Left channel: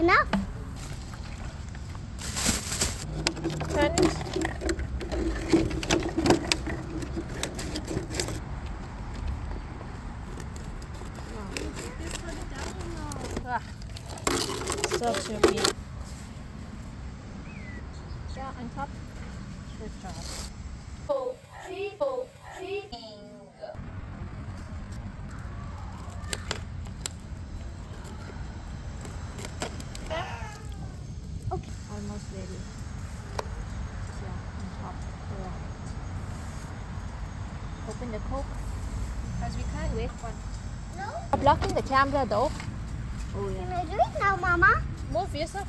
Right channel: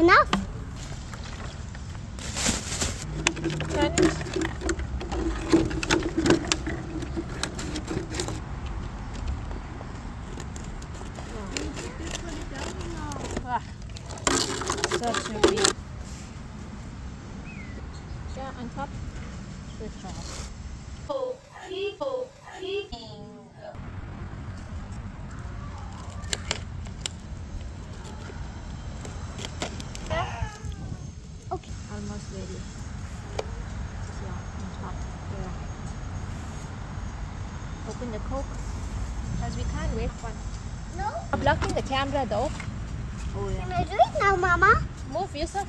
Enough. Finish. Wow. So tricky. Yeah, on top. Good job. Okay. Almost ready. Yeah, on top. Yeah. Open the Coke. Because we can't wait for. No. Blocking the camera though. Oh Can yeah. I do it now, Mama? Move yourself.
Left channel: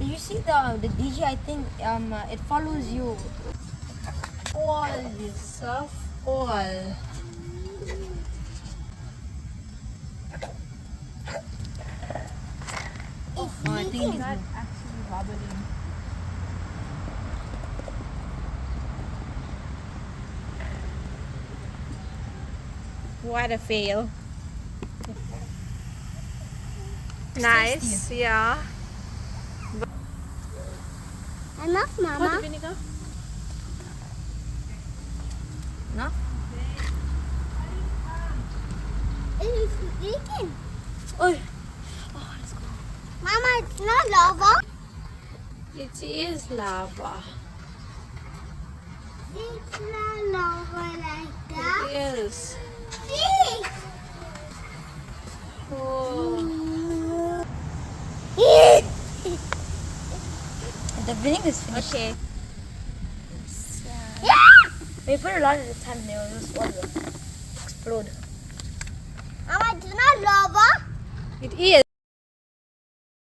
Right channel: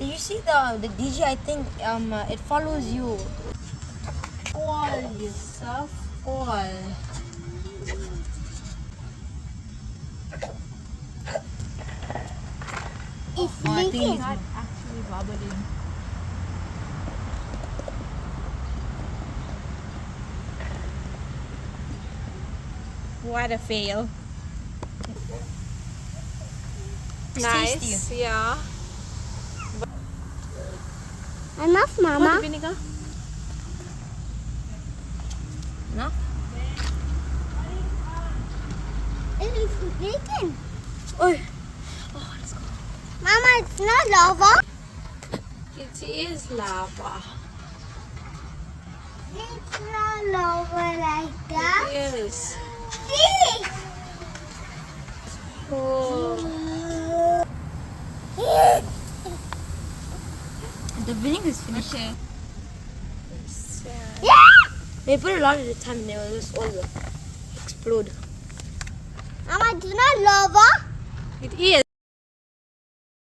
You see the DJ, I think it follows you. All this stuff, all. It's I think leaking. It's not actually wobbling. What a fail. Nice, tasty. yeah. Enough, Pour the Mama. vinegar. No? It is leaking. Oh, Mama, it's not lava. It is lava. It's not lava like that. Yes. See? Oh. the vinegar is finished. Okay. Yeah. We put a lot at a time and they will just all explode. Mama, it's not lava. It is.